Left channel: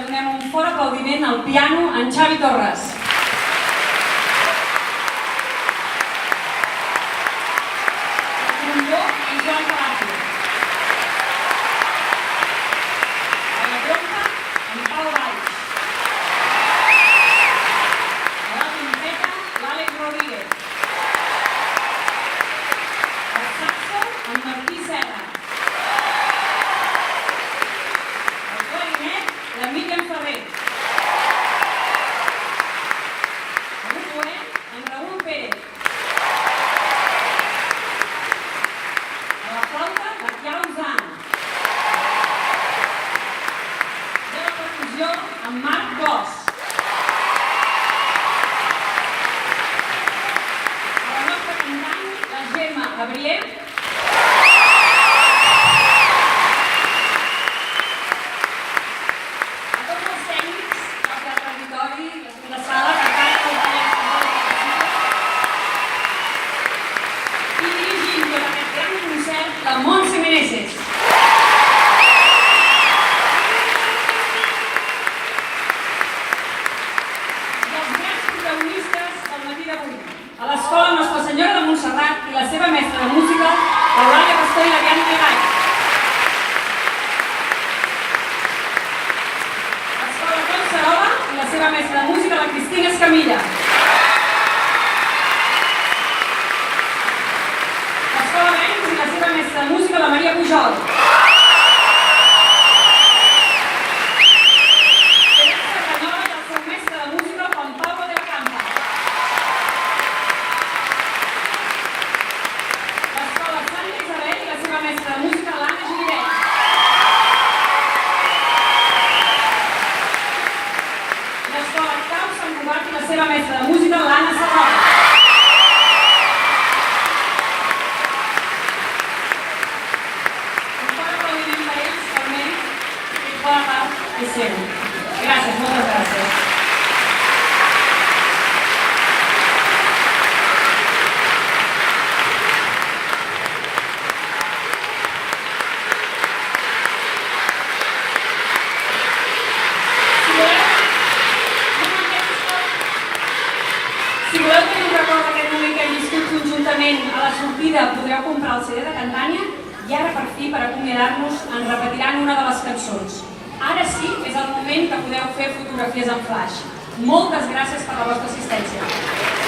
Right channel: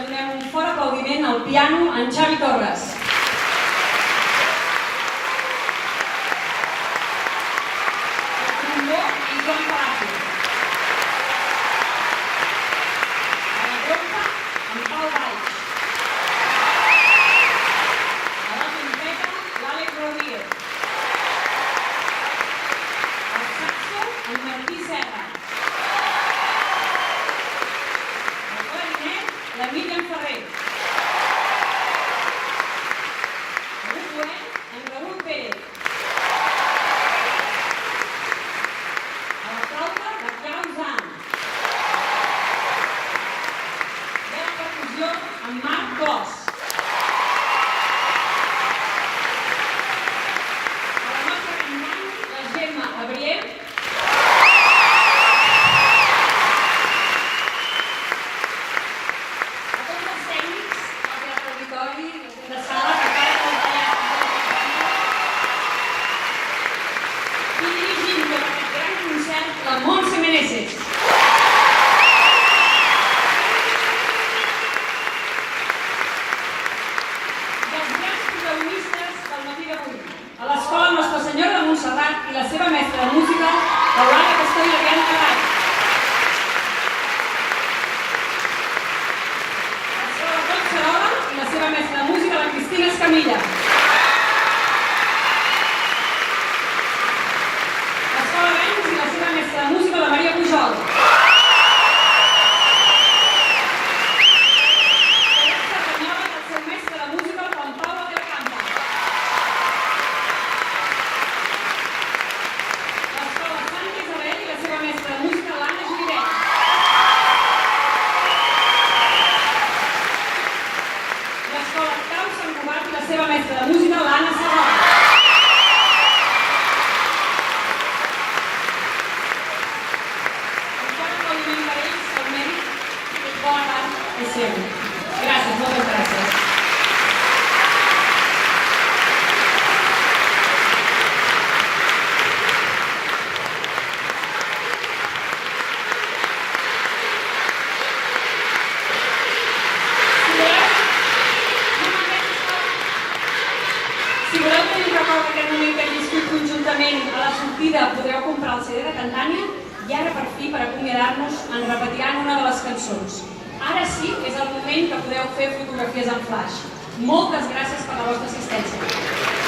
que donem un fort aplaudiment al piano en Xavi Torres. El trombó en Joan Palacio. A la trompa en Pau Valls. A la trompeta l'Àlex Rodríguez. El saxo en Martí Serra. La Míriam Ferrer. El oboè, en Raül Pérez. A la flauta, la Clara Uzan. I a la percussió, en Marc Clos. A la nostra cantant, la Gemma Gabriel. La sala que i dirigint tot aquest gran concert la Montse Meneses. I els grans protagonistes del matí d'avui, a l'escola Nostra Senyora de Montserrat i la seva mestra de música, l'Eulàlia Pastor i l'Adriana Cavall. L'escola Collserola i la seva mestra de música, la Cristina Escamilla. L'escola Venus i la seva mestra de música, la Maria Pujol. L'escola Cerdanyola i el seu mestre de música, Juan Pablo de la Campa. L'escola Santa Isabel i la seva mestra de música, l'Anna Giliret. L'escola Cau Sant Cugat i la seva mestra de música, l'Anna Serrano. Un fort aplaudiment per ells, que el mèrit i bona part és seu. Gràcies, moltes gràcies. Si voleu tenir un record d'aquest moment que hem viscut conjuntament a la sortida, podreu comprar el CD de Cantània i ara, per fi, per acomiadar-nos, ens repetiran una de les cançons. Ara sí és el moment que podeu fer fotografies en flaix. Moltes gràcies per la vostra assistència.